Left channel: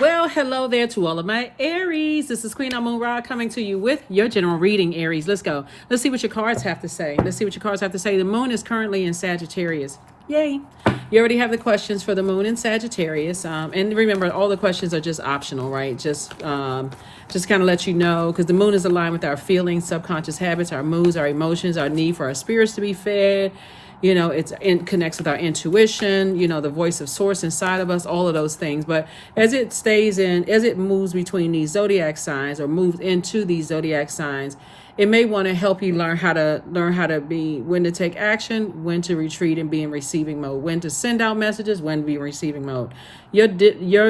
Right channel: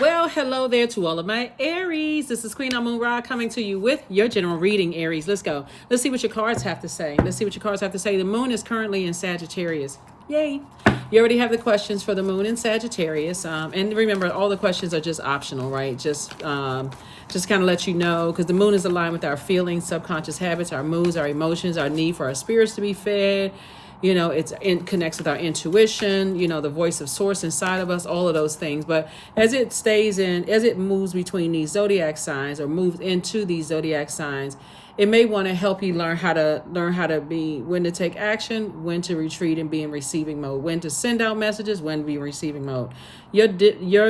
Well, hello there to all of my Aries. This is Queen Amun Ra coming to you with your general reading, Aries. Let's go. Let's see what your cards have to say. The moon is currently in Sagittarius. Yay. You already have the questions for the moon in Sagittarius. And remember, all the questions are just optional, right? Just kind of let you know, because the moon is aligned with our feelings, subconscious habits, our moods, our emotions, our need for our spirits to be fed. Connects with our intuition, the voice of source inside of us, all of those things. But as it moves between these zodiac signs or moves into these zodiac signs, it may want to help you learn how to be, when to take action, when to retreat and be in receiving mode, when to send out messages, when to be in receiving mode. Your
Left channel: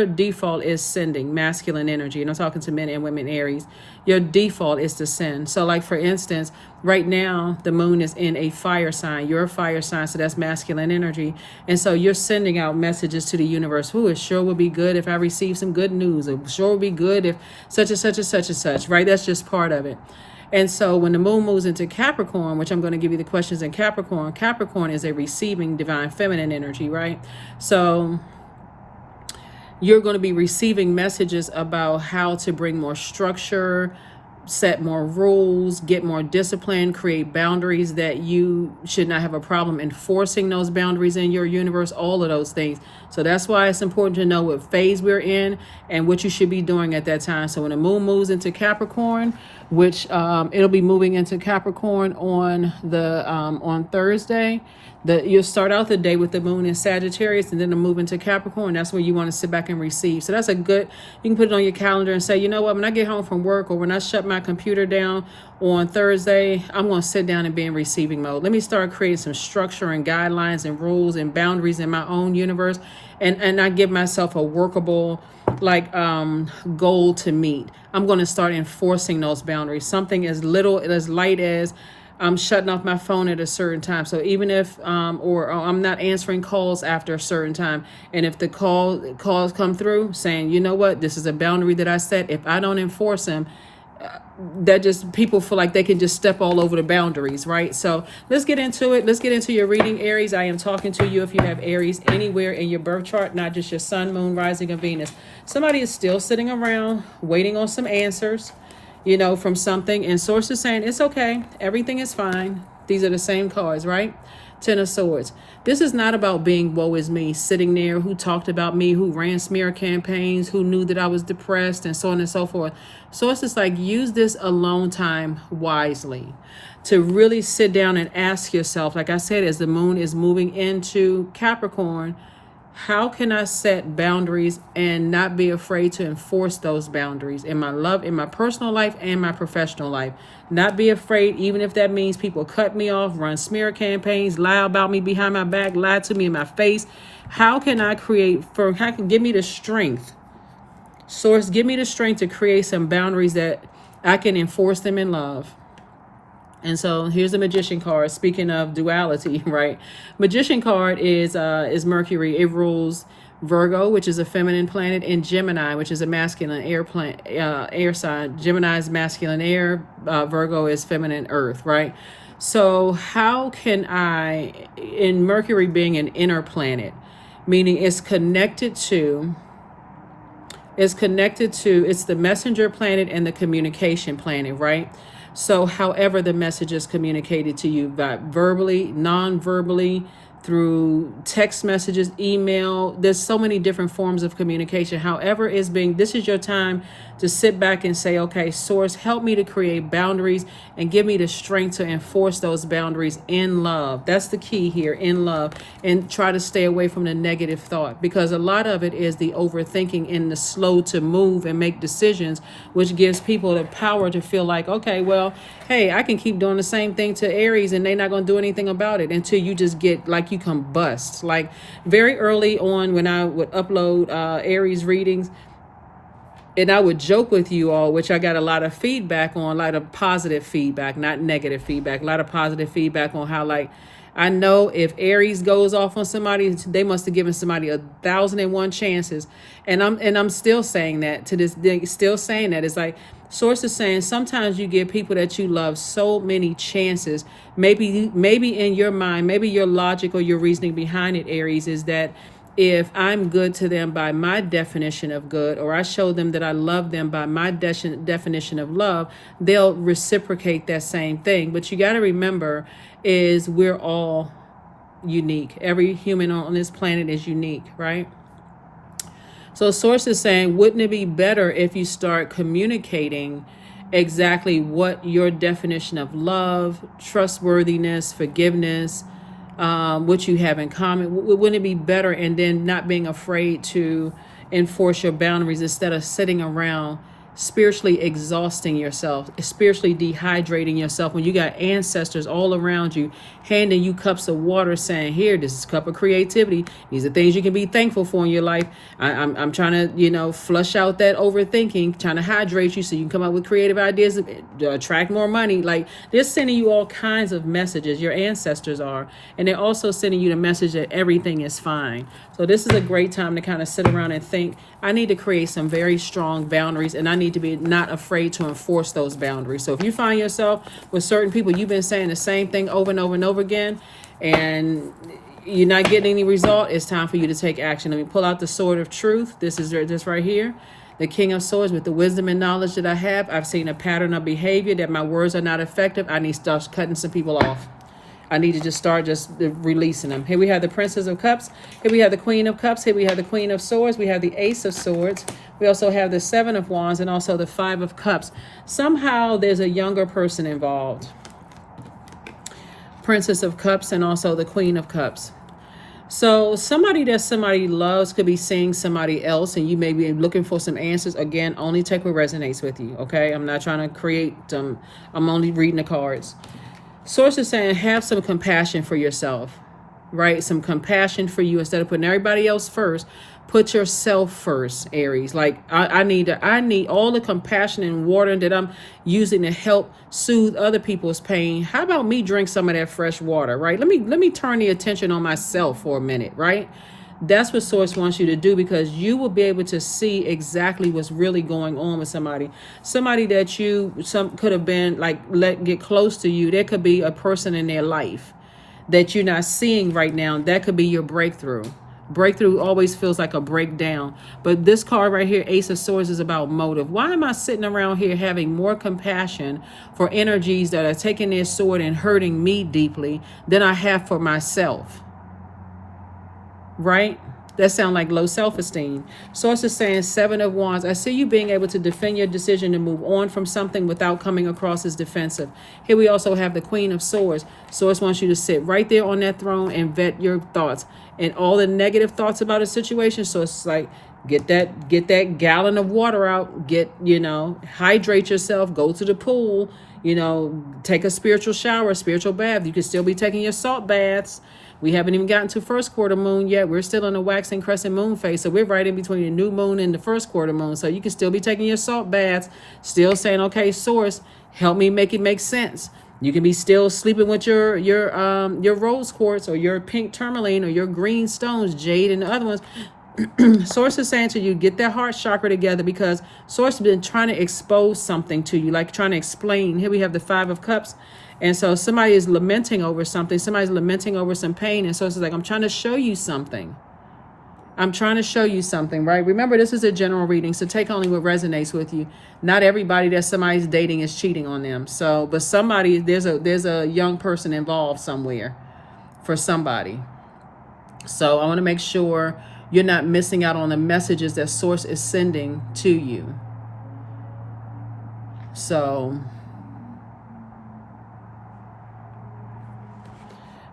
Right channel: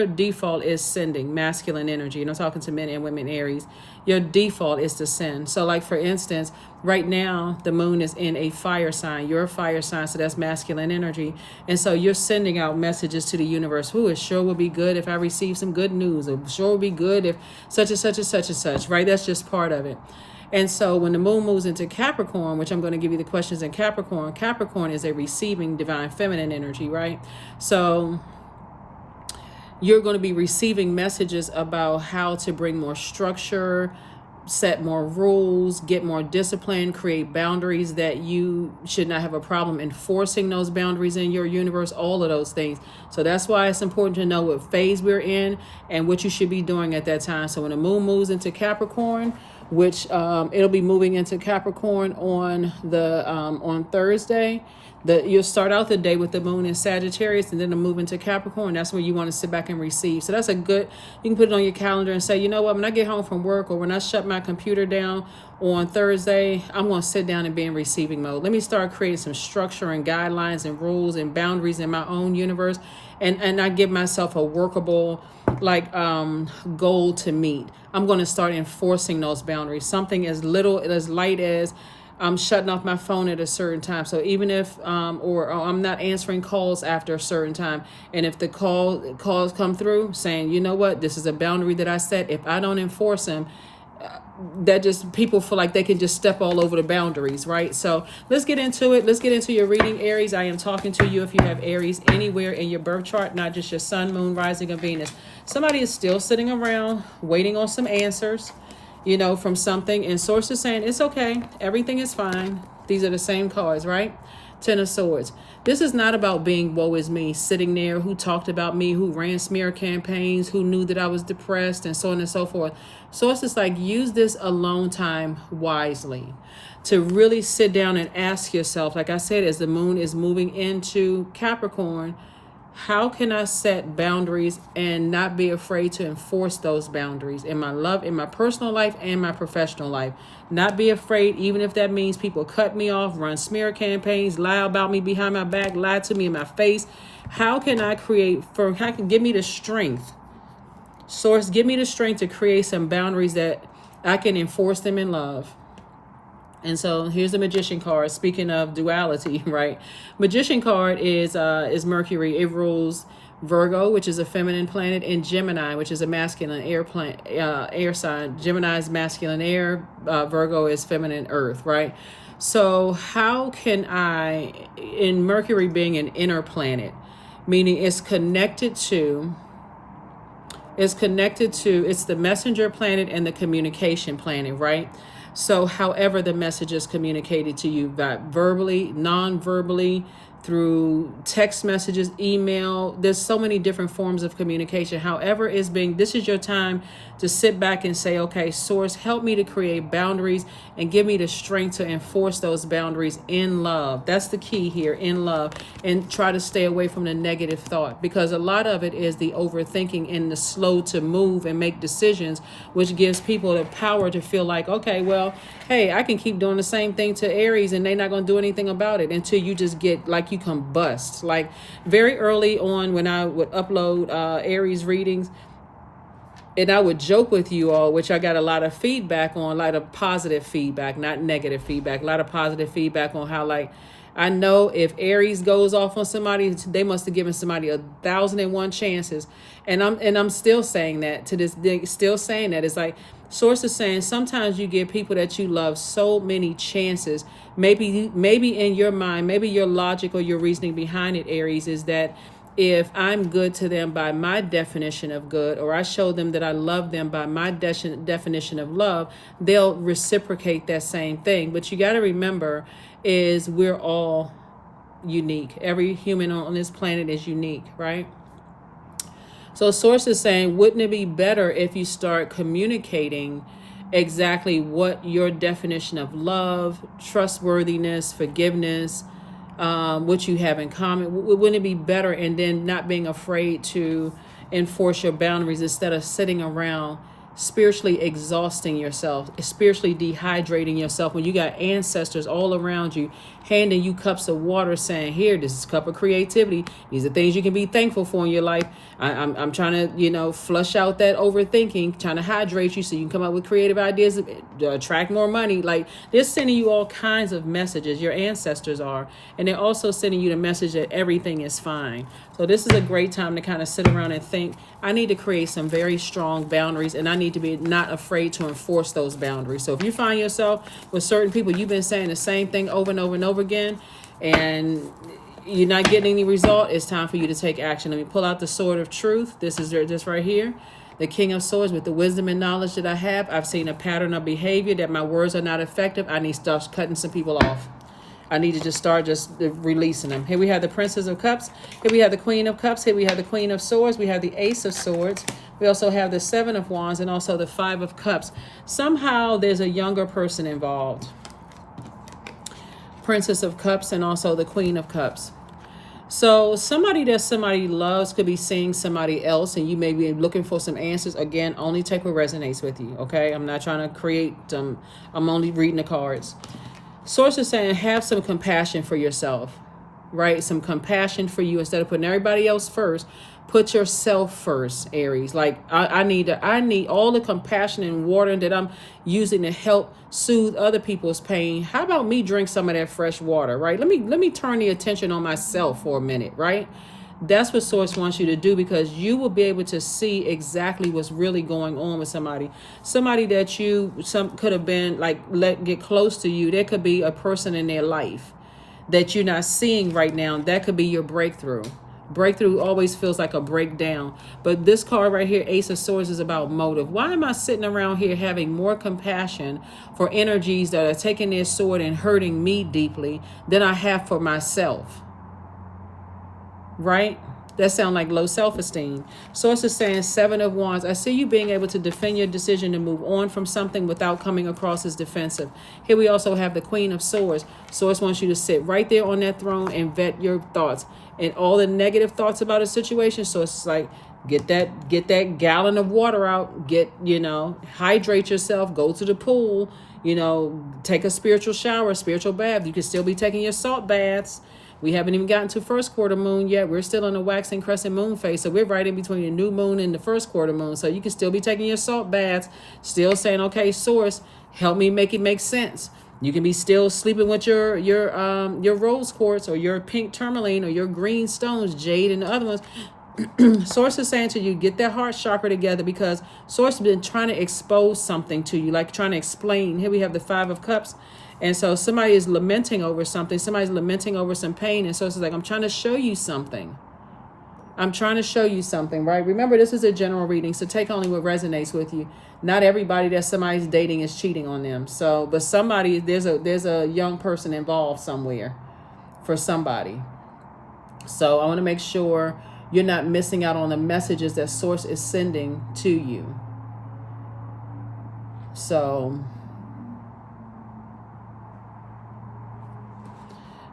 default is sending masculine energy, and I'm talking to men and women Aries. Your default is to send. So like, for instance, right now the moon is in a fire sign. You're a fire sign, so that's masculine energy. And so you're sending out messages to the universe. It sure would be good if I receive some good news. It sure would be good if such and such and such and such, right? That's just part of it. And so when the moon moves into Capricorn, which I'm going to give you the questions in Capricorn, Capricorn is a receiving divine feminine energy, right? So you're going to be receiving messages about how to bring more structure, set more rules, get more discipline, create boundaries that you should not have a problem enforcing those boundaries in your universe, all of those things. So that's why it's important to know what phase we're in and what you should be doing at that time. So when the moon moves into Capricorn, which it'll be moving into Capricorn on Thursday. You'll start out the day with the moon in Sagittarius, and then to move into Capricorn. That's where you want to sit back and receive. So that's you can put it on your calendar and say, you know what, when I get home from work or when I shut my computer down on Thursday, I'm going to sit down and be in receiving mode. Let me start creating some structure and guidelines and rules and boundaries in my own universe. And I give myself a workable goal to meet. I'm going to start enforcing those boundaries. Something as light as I'm shutting off my phone at a certain time. So even if or I'm not answering calls after a certain time, and if the calls come through saying, you know what, this is a boundary that I set, if I don't enforce them, that just people feel like they can just step all over the boundaries, right? So let's get into it. Let's get into your reading, Aries. I am talking to you if you have Aries anywhere in your birth chart, not just your sun, moon, rising, and Venus. Somebody is still sitting around waiting on some answers, from something, and source is saying it's okay, everything is fine. These are the same cards, right? Ten of Swords. This is not about being woe is me, sitting there, who talked about me, who ran smear campaigns, who knew that I was depressed, and so on and so forth. So it's just like, use this alone time wisely to really sit down and ask yourself, like I said, as the moon is moving into Capricorn, how can I set boundaries and not be afraid to enforce those boundaries in my personal life and my professional life? Not be afraid, even if that means people cut me off, run smear campaigns, lie about me behind my back, lie to me in my face. How can give me the strength? Source, give me the strength to create some boundaries that I can enforce them in love. And so here's the Magician card. Speaking of duality, right? Magician card is Mercury. It rules Virgo, which is a feminine planet, and Gemini, which is a masculine air sign. Gemini is masculine air. Virgo is feminine earth, right? So how can I, in Mercury being an inner planet, meaning it's the messenger planet and the communication planet, right? So however the message is communicated to you, verbally, non-verbally, through text messages, email, there's so many different forms of communication. However this is your time to sit back and say, okay, source, help me to create boundaries and give me the strength to enforce those boundaries in love. That's the key here, in love, and try to stay away from the negative thought, because a lot of it is the overthinking and the slow to move and make decisions, which gives people the power to feel like, okay, well, hey, I can keep doing the same thing to Aries and they're not going to do anything about it, until you just get like you combust. Like very early on when I would upload Aries readings, and I would joke with you all, which I got a lot of feedback on, a lot of positive feedback, not negative feedback, a lot of positive feedback on how, like, I know if Aries goes off on somebody, they must have given somebody 1,001 chances. And I'm still saying that to this day, still saying that. It's like, source is saying sometimes you give people that you love so many chances. Maybe in your mind, maybe your logic or your reasoning behind it, Aries, is that if I'm good to them by my definition of good, or I show them that I love them by my definition of love, they'll reciprocate that same thing. But you got to remember is we're all unique. Every human on this planet is unique, right? So Source is saying, wouldn't it be better if you start communicating exactly what your definition of love, trustworthiness, forgiveness, what you have in common? Wouldn't it be better? And then not being afraid to enforce your boundaries instead of sitting around spiritually exhausting yourself, spiritually dehydrating yourself when you got ancestors all around you handing you cups of water saying, here, this is a cup of creativity. These are things you can be thankful for in your life. I'm trying to, flush out that overthinking, trying to hydrate you so you can come up with creative ideas to attract more money. Like, they're sending you all kinds of messages. Your ancestors are. And they're also sending you the message that everything is fine. So this is a great time to kind of sit around and think, I need to create some very strong boundaries, and I need to be not afraid to enforce those boundaries. So if you find yourself with certain people, you've been saying the same thing over and over and over again, and you're not getting any result, it's time for you to take action. Let me pull out the sword of truth. This is this right here. The King of Swords. With the wisdom and knowledge that I have, I've seen a pattern of behavior that my words are not effective. I need to start cutting some people off. I need to just start releasing them. Here we have the Princess of Cups. Here we have the Queen of Cups. Here we have the Queen of Swords. We have the Ace of Swords. We also have the Seven of Wands and also the Five of Cups. Somehow there's a younger person involved. Princess of Cups and also the Queen of Cups. So somebody that somebody loves could be seeing somebody else, and you may be looking for some answers. Again, only take what resonates with you, okay? I'm not trying to create, I'm only reading the cards. Source is saying, have some compassion for yourself, right? Some compassion for you instead of putting everybody else first. Put yourself first, Aries. Like, I need all the compassion and water that I'm using to help soothe other people's pain. How about me drink some of that fresh water, right? Let me turn the attention on myself for a minute, right? That's what Source wants you to do, because you will be able to see exactly what's really going on with somebody. Somebody that could have been like, get close to you. There could be a person in their life that you're not seeing right now. That could be your breakthrough. Breakthrough always feels like a breakdown. But this card right here, Ace of Swords, is about motive. Why am I sitting around here having more compassion for energies that are taking their sword and hurting me deeply than I have for myself? Right? That sounds like low self-esteem. Source is saying, Seven of Wands. I see you being able to defend your decision to move on from something without coming across as defensive. Here we also have the Queen of Swords. Source wants you to sit right there on that throne and vet your thoughts and all the negative thoughts about a situation. So it's like, get that gallon of water out. Hydrate yourself. Go to the pool. Take a spiritual shower, a spiritual bath. You can still be taking your salt baths. We haven't even gotten to first quarter moon yet. We're still in the waxing crescent moon phase. So we're right in between the new moon and the first quarter moon. So you can still be taking your salt baths, still saying, okay, Source, help me make it make sense. You can be still sleeping with your rose quartz or your pink tourmaline or your green stones, jade and the other ones. Source is saying to you, get that heart chakra together, because Source has been trying to expose something to you, like trying to explain. Here we have the Five of Cups. And so somebody is lamenting over something. Somebody's lamenting over some pain. And so it's like, I'm trying to show you something. I'm trying to show you something, right? Remember, this is a general reading, so take only what resonates with you. Not everybody that somebody's dating is cheating on them. So, but somebody, there's a young person involved somewhere for somebody. So I want to make sure you're not missing out on the messages that Source is sending to you. So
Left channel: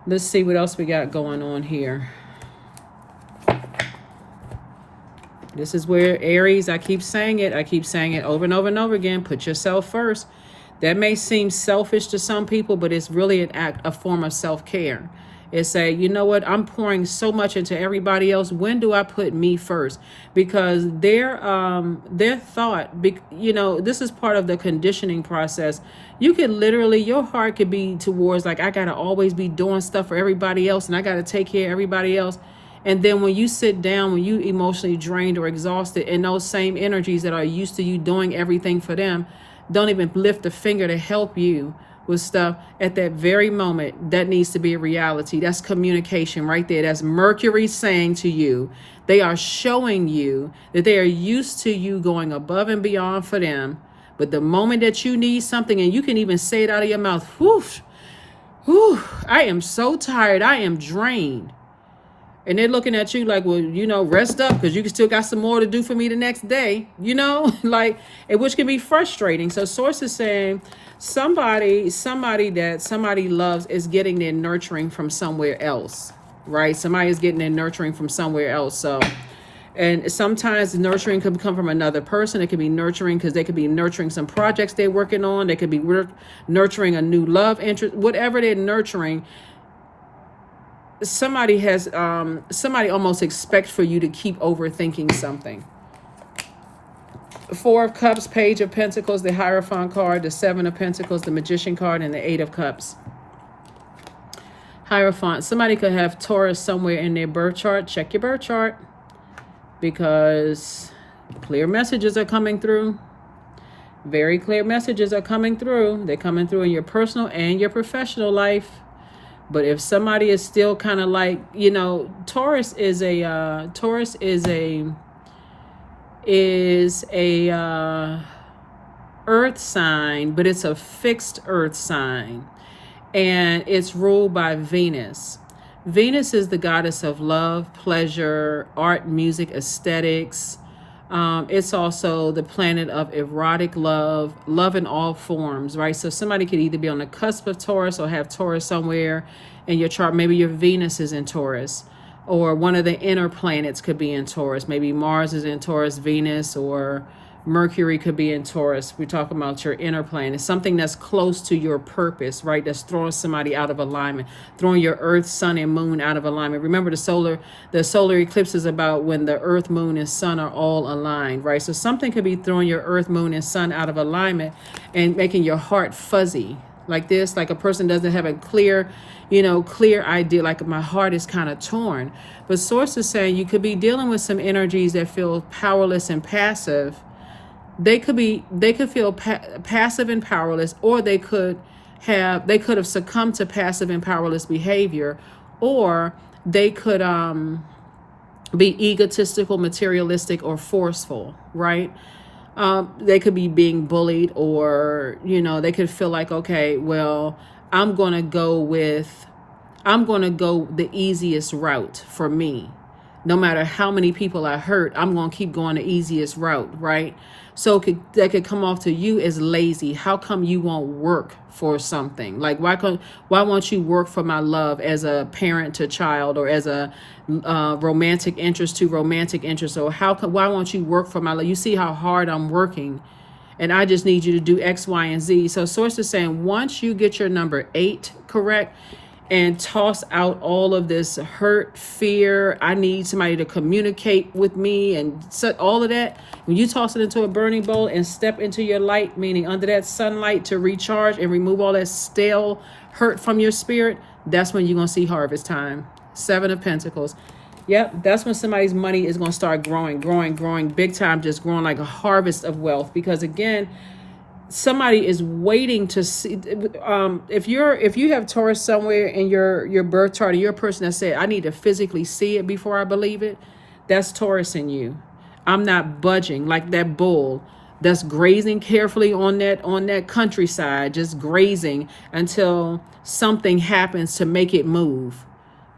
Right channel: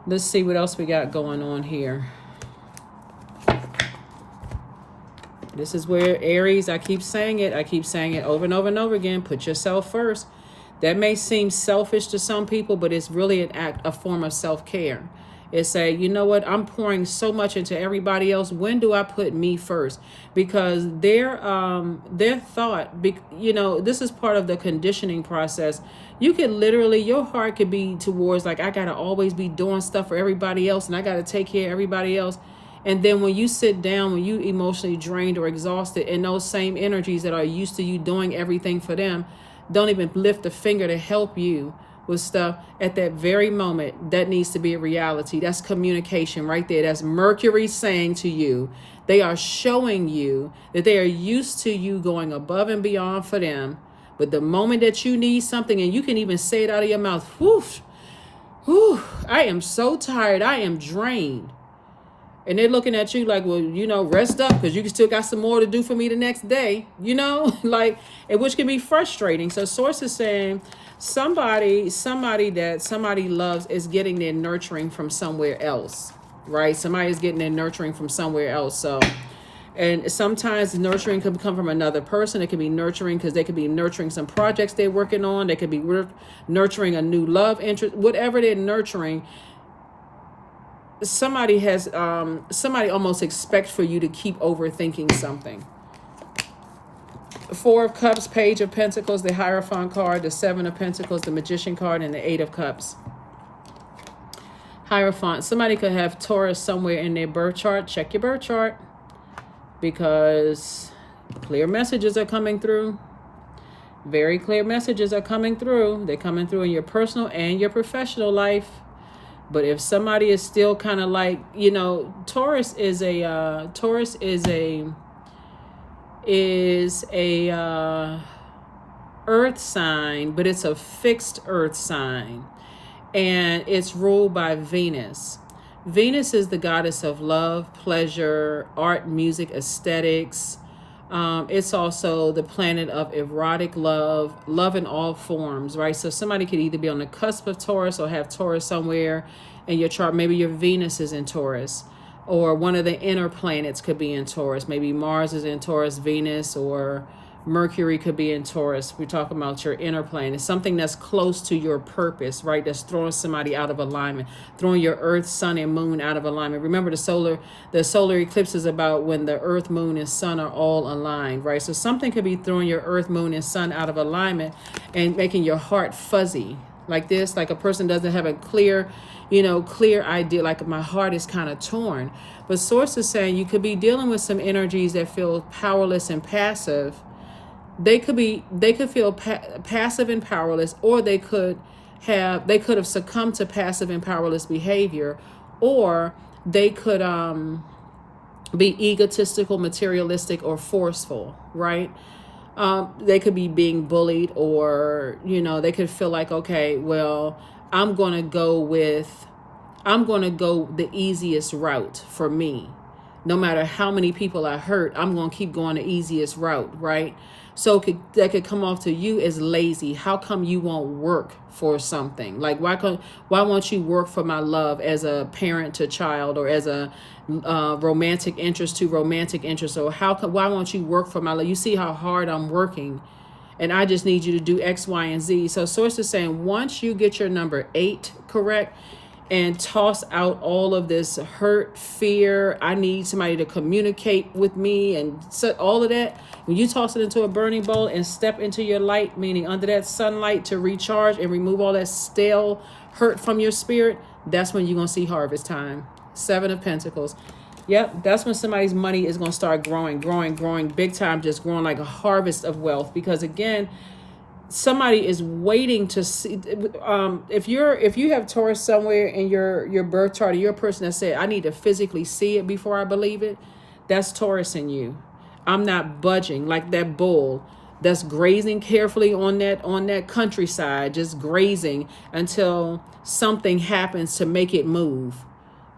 let's see what else we got going on here. This is where Aries, I keep saying it over and over and over again. Put yourself first. That may seem selfish to some people, but it's really an act, a form of self-care. It's you know what? I'm pouring so much into everybody else. When do I put me first? Because their thought, this is part of the conditioning process. You could literally, your heart could be towards like, I got to always be doing stuff for everybody else and I got to take care of everybody else. And then when you sit down, when you emotionally drained or exhausted, and those same energies that are used to you doing everything for them don't even lift a finger to help you with stuff at that very moment. That needs to be a reality. That's communication right there. That's Mercury saying to you, they are showing you that they are used to you going above and beyond for them. But the moment that you need something, and you can even say it out of your mouth, whoosh, whew, I am so tired, I am drained. And they're looking at you like, well, rest up because you still got some more to do for me the next day, like, which can be frustrating. So source is saying somebody that somebody loves is getting their nurturing from somewhere else, right? Somebody is getting their nurturing from somewhere else. So, and sometimes nurturing can come from another person. It can be nurturing because they could be nurturing some projects they're working on. They could be nurturing a new love interest, whatever they're nurturing. Somebody almost expects for you to keep overthinking something. 4 of Cups, Page of Pentacles, the Hierophant card, the 7 of Pentacles, the Magician card, and the 8 of Cups. Hierophant. Somebody could have Taurus somewhere in their birth chart. Check your birth chart, because clear messages are coming through. Very clear messages are coming through. They're coming through in your personal and your professional life. But if somebody is still kind of like, Taurus is a earth sign, but it's a fixed earth sign, and it's ruled by Venus. Venus is the goddess of love, pleasure, art, music, aesthetics. It's also the planet of erotic love in all forms, right? So somebody could either be on the cusp of Taurus or have Taurus somewhere in your chart. Maybe your Venus is in Taurus, or one of the inner planets could be in Taurus. Maybe Mars is in Taurus, Venus, or Mercury could be in Taurus. We're talking about your inner planet, something that's close to your purpose, right? That's throwing somebody out of alignment, throwing your Earth, Sun, and Moon out of alignment. Remember, the solar eclipse is about when the Earth, Moon, and Sun are all aligned, right? So something could be throwing your Earth, Moon, and Sun out of alignment and making your heart fuzzy like this, like a person doesn't have a clear idea, like my heart is kind of torn. But Source is saying you could be dealing with some energies that feel powerless and passive. They could feel passive and powerless, or they could have succumbed to passive and powerless behavior, or they could be egotistical, materialistic, or forceful, right? They could be being bullied, or they could feel like, okay, well, I'm gonna go the easiest route for me. No matter how many people I hurt, I'm gonna keep going the easiest route, right? So that could come off to you as lazy. How come you won't work for something? Like, why won't you work for my love as a parent to child, or as a romantic interest to romantic interest? Or why won't you work for my love? You see how hard I'm working, and I just need you to do X, Y, and Z. So Source is saying once you get your number 8 correct, and toss out all of this hurt, fear, I need somebody to communicate with me, and set all of that. When you toss it into a burning bowl and step into your light, meaning under that sunlight, to recharge and remove all that stale hurt from your spirit, that's when you're going to see harvest time. 7 of Pentacles. Yep, that's when somebody's money is going to start growing big time, just growing like a harvest of wealth. Because again, somebody is waiting to see. If you have Taurus somewhere in your birth chart, or you're a person that said, I need to physically see it before I believe it, that's Taurus in you. I'm not budging, like that bull that's grazing carefully on that countryside, just grazing until something happens to make it move,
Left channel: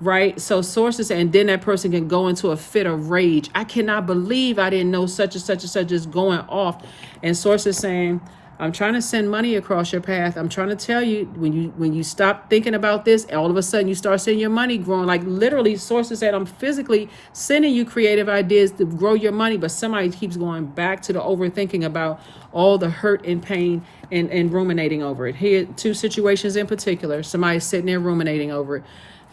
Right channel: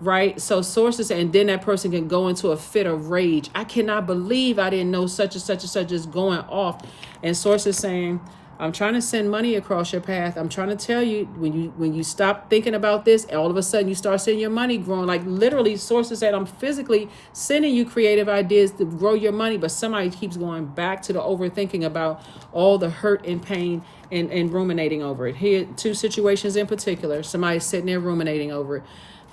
right? So sources, and then that person can go into a fit of rage. I cannot believe I didn't know such and such and such, is going off. And sources saying, I'm trying to send money across your path. I'm trying to tell you, when you stop thinking about this, all of a sudden you start seeing your money growing. Like literally, Sources said, I'm physically sending you creative ideas to grow your money, but somebody keeps going back to the overthinking about all the hurt and pain and ruminating over it. Here, 2 situations in particular, somebody's sitting there ruminating over it.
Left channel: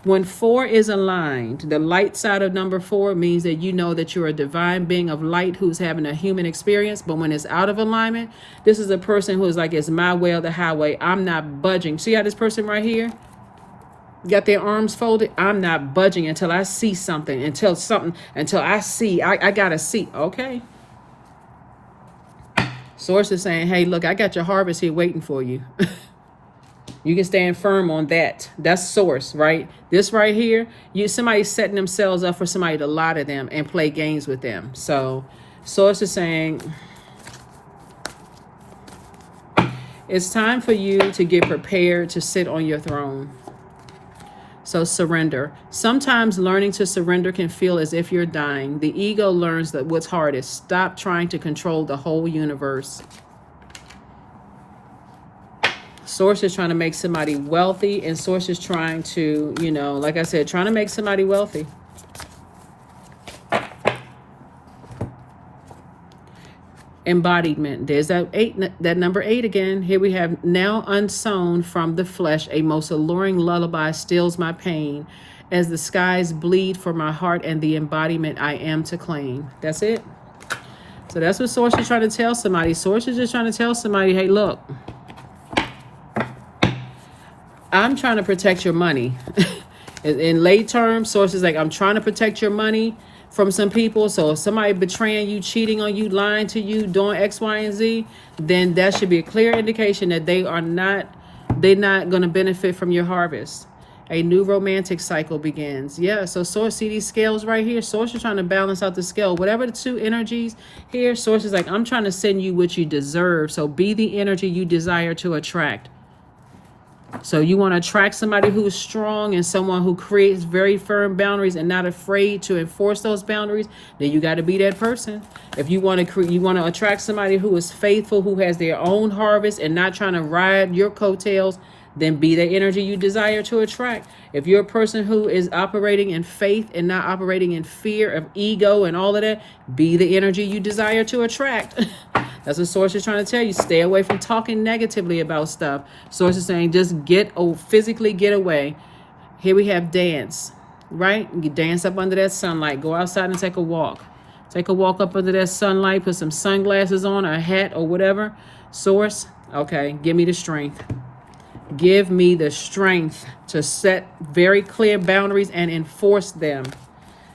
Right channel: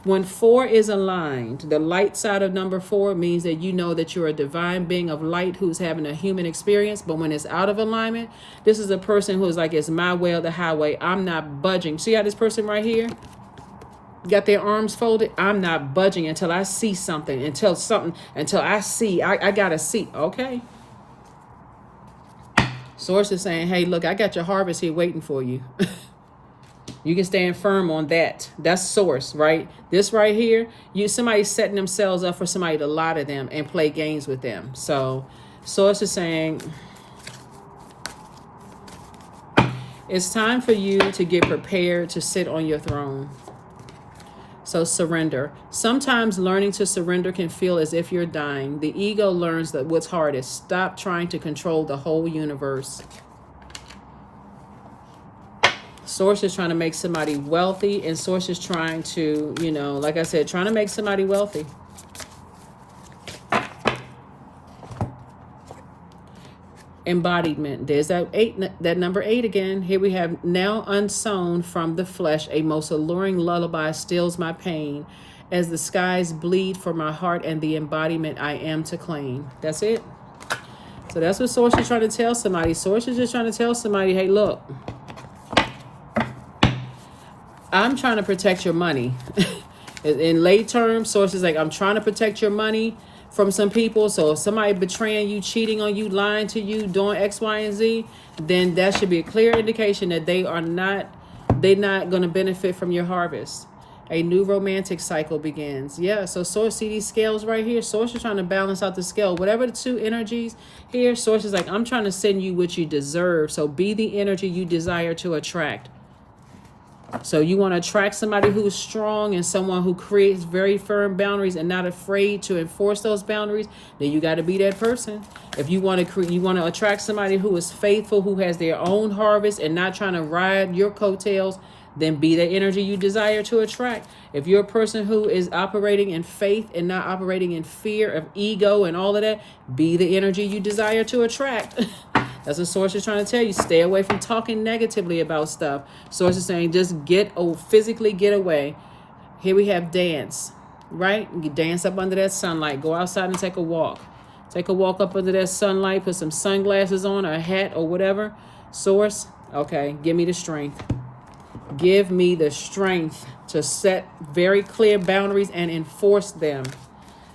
When 4 is aligned, the light side of number 4 means that you know that you're a divine being of light who's having a human experience. But when it's out of alignment, this is a person who's like, it's my way or the highway. I'm not budging. See how this person right here got their arms folded? I'm not budging until I see something, until I see, I gotta see. Okay. Source is saying, hey, look, I got your harvest here waiting for you. You can stand firm on that. That's source, right? This right here, somebody's setting themselves up for somebody to lie to them and play games with them. So source is saying it's time for you to get prepared to sit on your throne. So surrender. Sometimes learning to surrender can feel as if you're dying. The ego learns that what's hardest. Stop trying to control the whole universe. Source is trying to make somebody wealthy, and source is trying to, like I said, trying to make somebody wealthy. Embodiment. There's that number 8 again. Here we have, now unsown from the flesh, a most alluring lullaby stills my pain as the skies bleed for my heart and the embodiment I am to claim. That's it. So that's what source is trying to tell somebody. Source is just trying to tell somebody, hey, look, I'm trying to protect your money. In lay terms, source is like, I'm trying to protect your money from some people. So if somebody betraying you, cheating on you, lying to you, doing X, Y, and Z, then that should be a clear indication that they're not going to benefit from your harvest. A new romantic cycle begins. Yeah, so source, see these scales right here? Source is trying to balance out the scale. Whatever the two energies here, source is like, I'm trying to send you what you deserve. So be the energy you desire to attract. So you want to attract somebody who is strong and someone who creates very firm boundaries and not afraid to enforce those boundaries, then you got to be that person. If you want to attract somebody who is faithful, who has their own harvest and not trying to ride your coattails, then be the energy you desire to attract. If you're a person who is operating in faith and not operating in fear of ego and all of that, be the energy you desire to attract. That's what source is trying to tell you. Stay away from talking negatively about stuff. Source is saying just physically get away. Here we have dance, right? You dance up under that sunlight. Go outside and take a walk. Take a walk up under that sunlight. Put some sunglasses on, a hat or whatever. Source, okay, give me the strength. Give me the strength to set very clear boundaries and enforce them.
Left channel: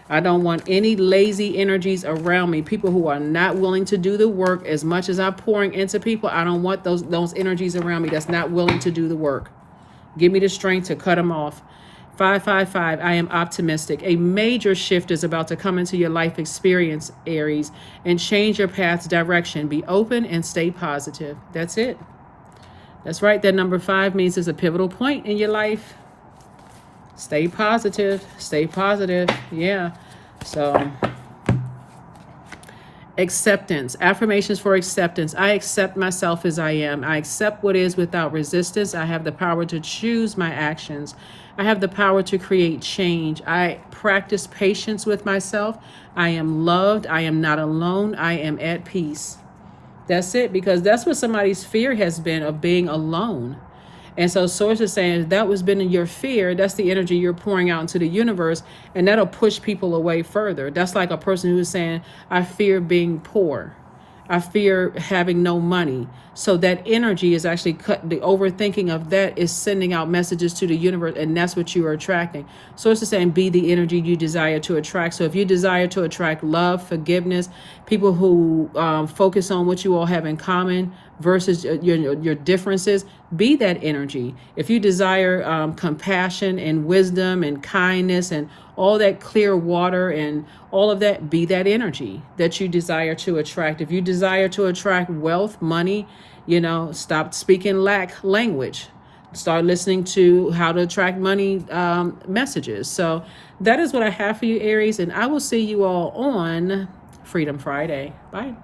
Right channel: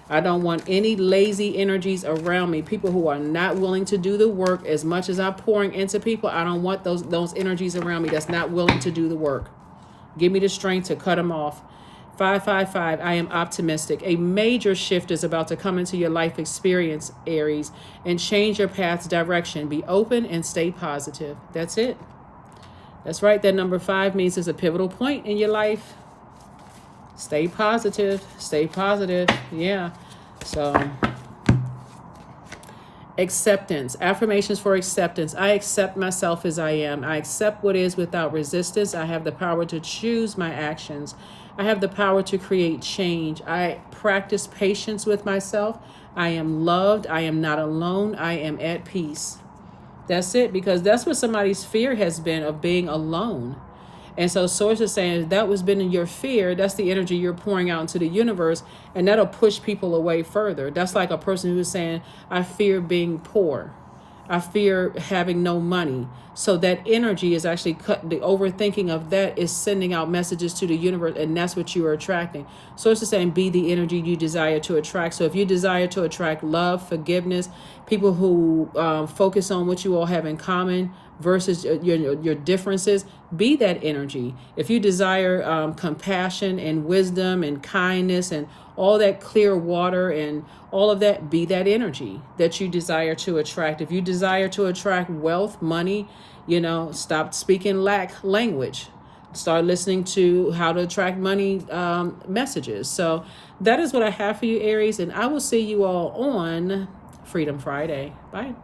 I don't want any lazy energies around me. People who are not willing to do the work. As much as I'm pouring into people, I don't want those energies around me that's not willing to do the work. Give me the strength to cut them off. 555, I am optimistic. A major shift is about to come into your life experience, Aries, and change your path's direction. Be open and stay positive. That's it. That's right. That number 5 means it's a pivotal point in your life. Stay positive. Stay positive. Yeah. So, acceptance. Affirmations for acceptance. I accept myself as I am. I accept what is without resistance. I have the power to choose my actions. I have the power to create change. I practice patience with myself. I am loved. I am not alone. I am at peace. That's it, because that's what somebody's fear has been, of being alone. And so source is saying that was been in your fear. That's the energy you're pouring out into the universe, and that'll push people away further. That's like a person who's saying, I fear being poor. I fear having no money. So that energy is actually cut. The overthinking of that is sending out messages to the universe, and that's what you are attracting. So it's saying be the energy you desire to attract. So if you desire to attract love, forgiveness, people who focus on what you all have in common versus your differences, be that energy. If you desire compassion and wisdom and kindness and all that clear water and all of that, be that energy that you desire to attract. If you desire to attract wealth, money, stop speaking lack language. Start listening to how to attract money messages. So that is what I have for you, Aries, and I will see you all on Freedom Friday. Bye.